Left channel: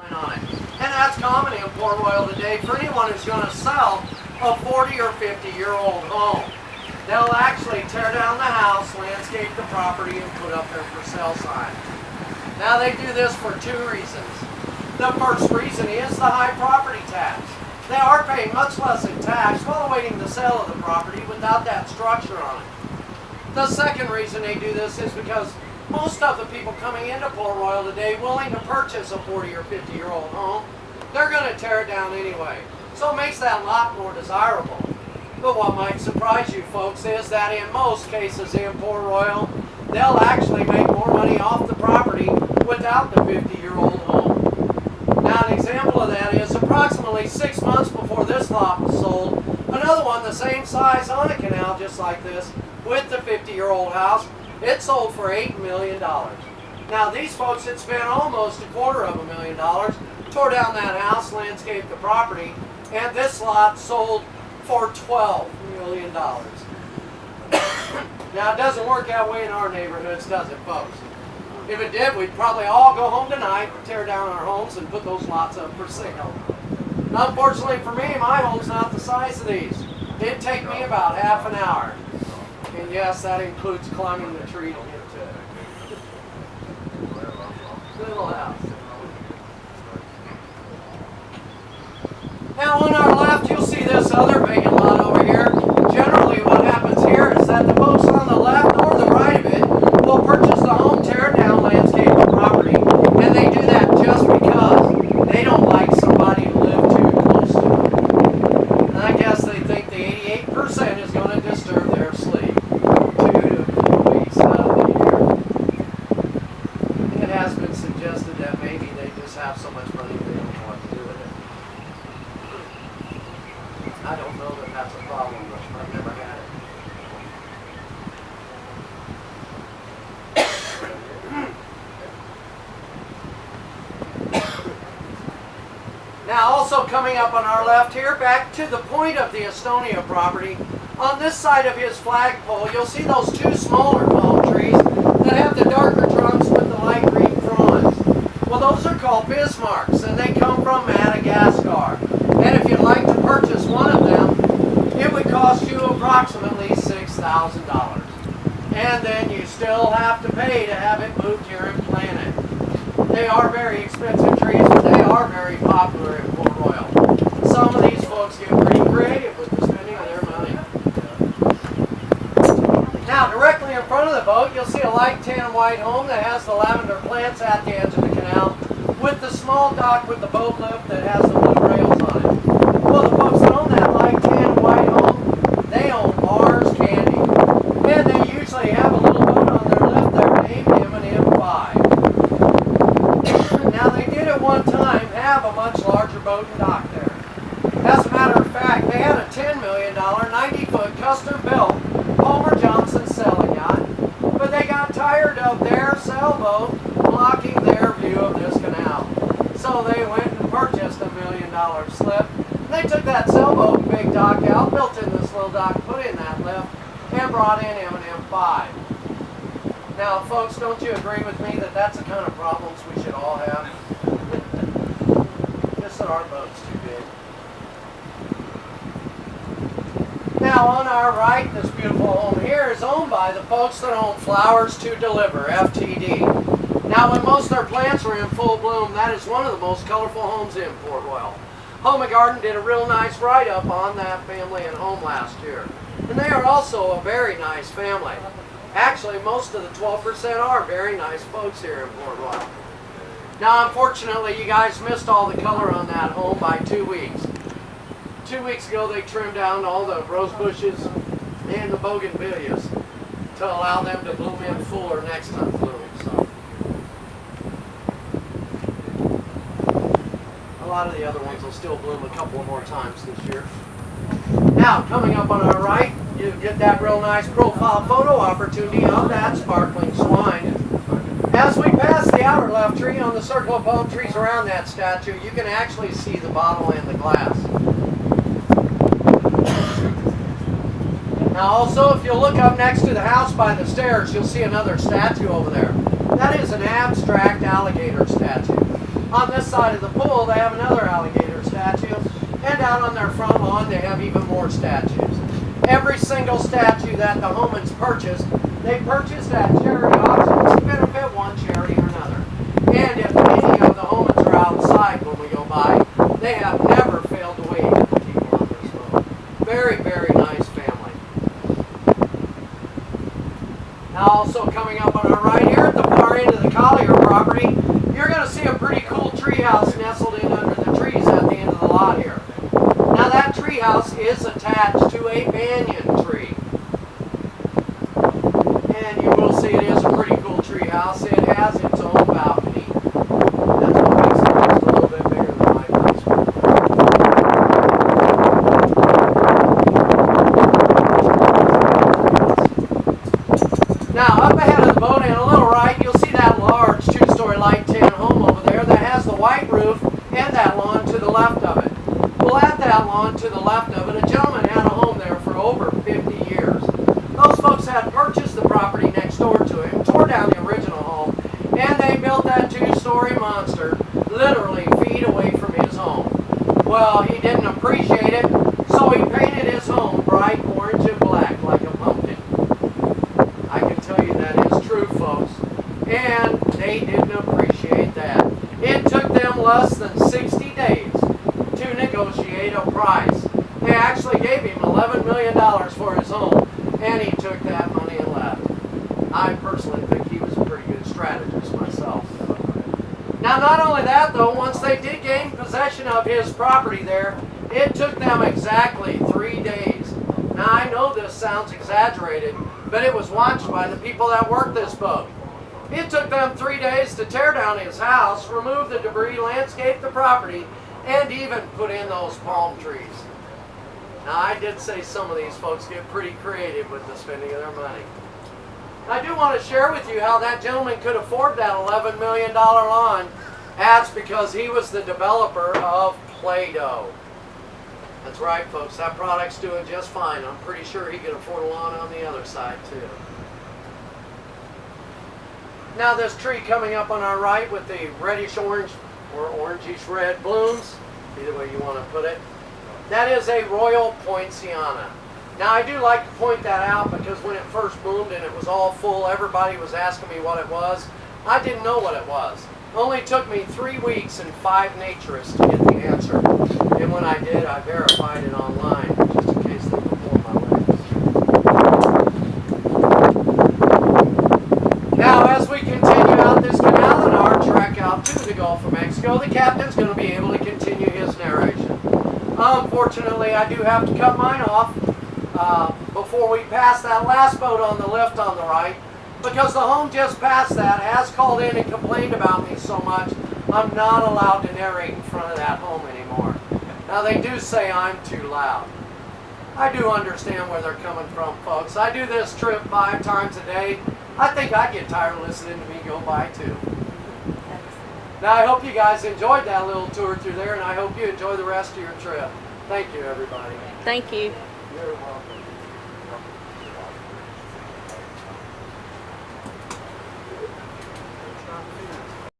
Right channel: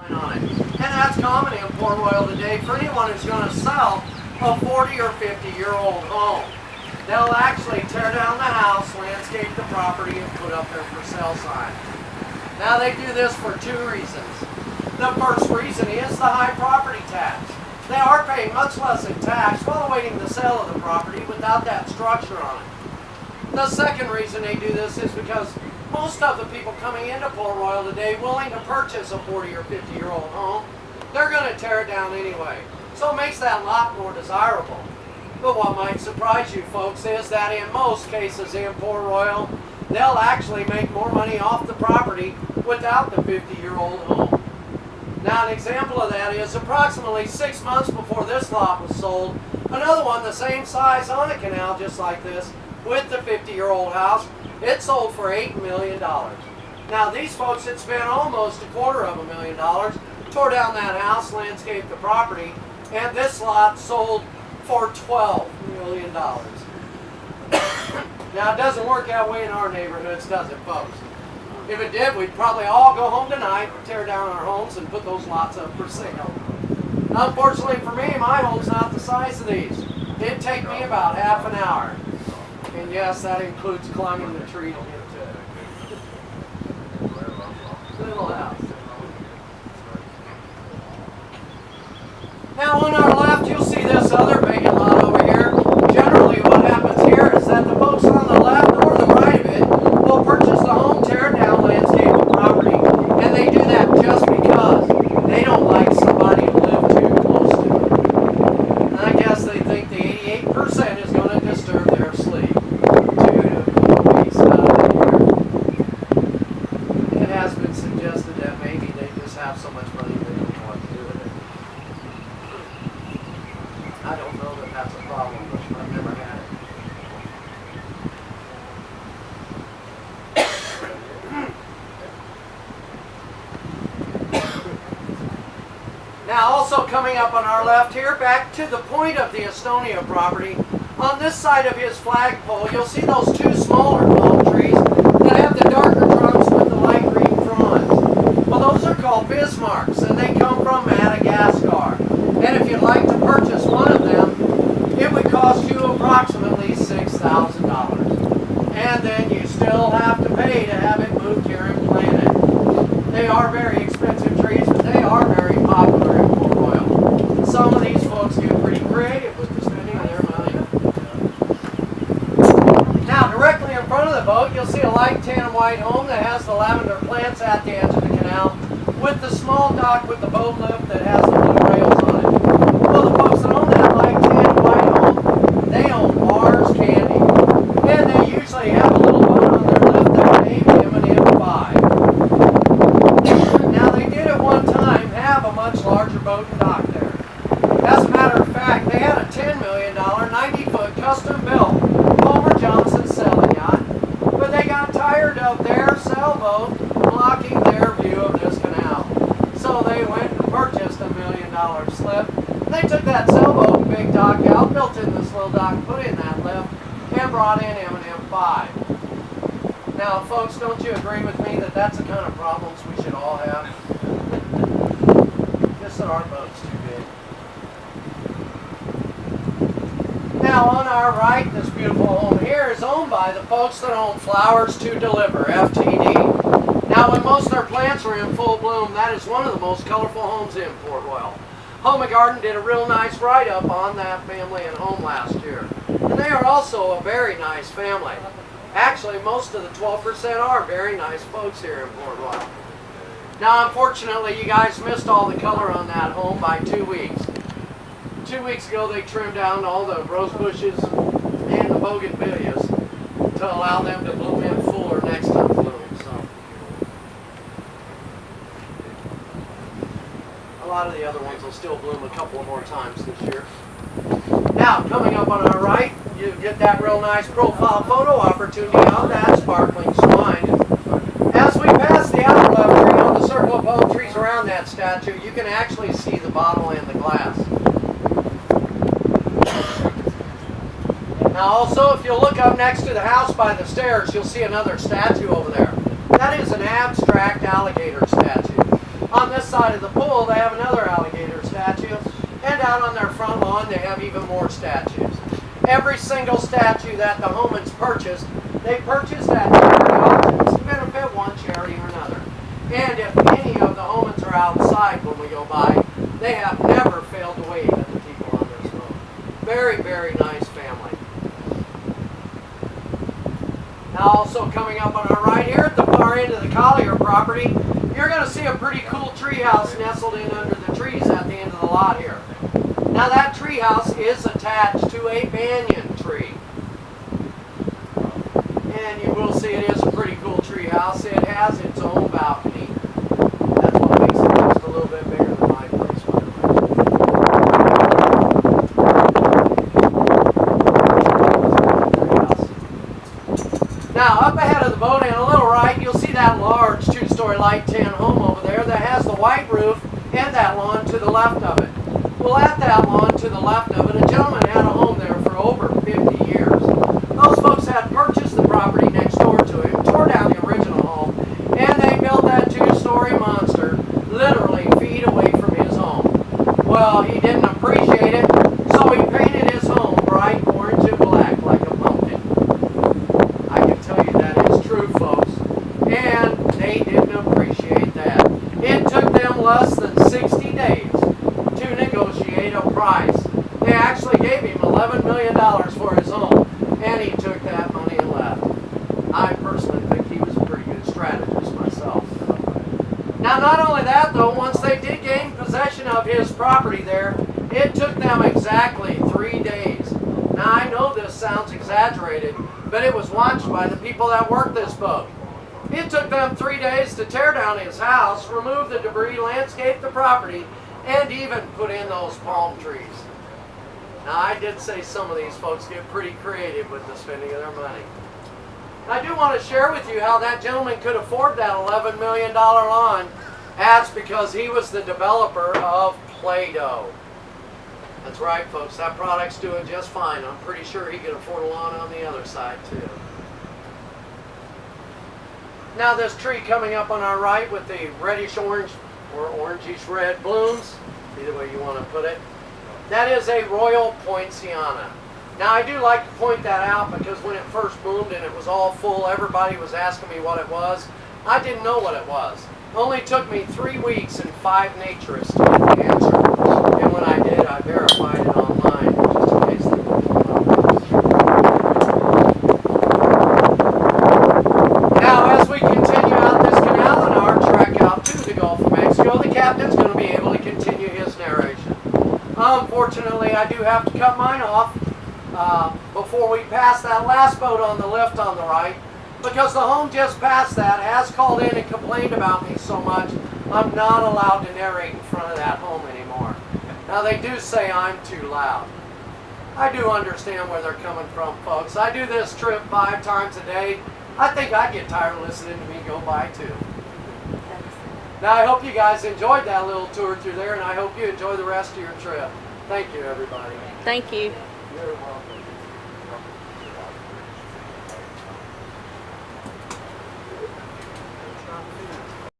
on it. And that's common in Port Royal today for anyone who's going to sell a 40 or 50-year-old home. They'll actually tear down the house, landscape the property, and put up their for sale sign. Now they do this for two reasons. The first reason is the high property tax. They are paying much less in tax while awaiting the sale of the property without that structure on it. The second reason they do this is because most of the people coming into Port Royal today willing to purchase a 40 or 50-year-old home, they're going to tear it down anyway. So it makes that lot more desirable. But what might surprise you folks is that in most cases in Port Royal, they'll actually make more money off the property without the 50-year-old home. Now an example of that is approximately 6 months before this lot was sold, another one the same size on a canal just like this with the 50-year-old house, it sold for $8 million. Now these folks had spent almost $250,000, tore down that house, landscaped the property, and this lot sold for $12 million. Now it doesn't work that way in our neighborhoods, does it, folks? If it did, we'd probably all go home tonight, tear down our homes, and put those lots up for sale. Unfortunately for me, my home's not the size of these. It'd take me about half an hour. And yes, that includes climbing the tree to get to it. Little house. Now on our left, you'll see this other vacant lot over here. Generally what happens here is that the folks on the left or the right of it will purchase the home, tear it down, landscape the property, and they do that just because they don't like somebody to live too close to it. And I guess they think the 88% is going to disturb their sleep. 2 to 4 weeks out of the year. It has been suggested that maybe they just have so much money they don't know what to do with it. I don't know that that's a problem, but I've never had it. Now also coming up on our left here, back to the point of the Estonia property, on this side of his flagpole, you'll see those two smaller palm trees that have the darker trunks with the light green fronds. Well, those are called Bismarcks, and they come from Madagascar. And if you'd like to purchase one of them, it would cost you approximately $6,000. And then you still have to pay to have it moved here and planted. They are very expensive trees, but they are very popular in Port Royal. Some of these folks get pretty creative with the spending of their money. Now, directly in front of the boat, you'll see a light tan white home that has the lavender plants at the edge of the canal, with the small dock with the boat lift that has the blue rails on it. Well, the folks that own that light tan white home, they own Mars Candy. And they usually have a little boat on their lift there named M&M5. Now, they did at one time have a much larger boat and dock there. As a matter of fact, they had a $10 million, 90-foot custom-built Palmer Johnson sailing yacht, but they got tired of their sailboat blocking their view of this canal. So they went and purchased a $1 million slip. They took that sailboat and big dock out, built in this little dock, put in that lift, and brought in M&M5. Now, folks, don't you agree with me that that's the kind of problems we should all have? Just that our boat's too big. Now, on our right, this beautiful home here is owned by the folks that own Flowers to Deliver, FTD. Now, when most of their plants are in full bloom, that is one of the most colorful homes in Port Royal. Home and Garden did a real nice write-up on that family and home last year. And they are also a very nice family. Actually, most of the 12% are very nice folks here in Port Royal. Now, unfortunately, you guys missed all the color on that home by 2 weeks. 2 weeks ago, they trimmed down all the rose bushes and the bougainvilleas to allow them to bloom in fuller next time bloom. So, a lot of the other ones will still bloom a couple more times this year. Now, coming up on our right, you get that real nice profile photo opportunity of that sparkling swine. As we pass the outer left tree on the circle of palm trees around that statue, you can actually see the bottle and the glass. Now also, if you look up next to the house by the stairs, you'll see another statue over there. That is an abstract alligator statue. On this side of the pool, they have another alligator statue. And out on their front lawn, they have even more statues. Every single statue that the Homans purchased, they purchased at charity auctions to benefit one charity or another. And if any of the Homans are outside when we go by, they have never failed to wave at the people on this road. Very, very nice family. Now also coming up on our right here at the far end of the Collier property, you're going to see a pretty cool tree house nestled in under the trees at the end of the lot here. Now that tree house is attached to a banyan tree. And you will see it is a pretty cool tree house. It has its own balcony. That's what makes it just a little bit bigger than my place. Now up ahead of the boat and a little right, you'll see that large two-story light tan home over there that has the white roof and that lawn to the left of it. Well, at that lawn to the left of it, a gentleman had a home there for over 50 years. Those folks had purchased the property next door to him, tore down the original home, and they built that two-story monster literally feet away from his home. Well, he didn't appreciate it, so he painted his home bright orange and black like a pumpkin. I can tell you that is true, folks. And they didn't appreciate that. It took them less than 60 days to negotiate a price. They actually gave him $11 million for his home, and he took that money and left. I personally think he was a pretty good strategist myself. Now, not only that, though, once they did gain possession of his property there, it took them exactly 3 days. Now, I know this sounds exaggerated, but it was watched by the people that worked this boat. It took them 3 days to tear down his house, remove the debris, landscape the property, and even put in those palm trees. Now, I did say some of these folks get pretty creative with the spending of their money. I do want to share with you how that gentleman could afford that $11 million lawn. That's because he was the developer of Play-Doh. That's right, folks. That product's doing just fine. I'm pretty sure he could afford a lawn on the other side, too. Now, this tree coming up on our right with the reddish-orange or orangish-red blooms, either way you want to put it, that is a Royal Poinciana. Now, I do like to point that out because when it first bloomed and it was all full, everybody was asking me what it was. I didn't know what it was. It only took me 3 weeks and 5 naturists to get the answer. And when I did, I verified it online, just in case they were pulling out. Now, as we continue out this canal and our trek out to the Gulf of Mexico, the captain's going to be able to continue his narration. Unfortunately, I do have to cut mine off before we pass that last boat on the left on the right, because the home just past that has called in and complained about me so much, I'm not allowed to narrate in front of that home anymore. Now, they do say I'm too loud. I do understand where they're coming from, folks. I do this trip 5 times a day. I think I'd get tired of listening to me go by, too. Now, I hope you guys enjoyed that little tour through there, and I hope you enjoy the rest of your trip. Thank you, everybody. Thank you. You're welcome.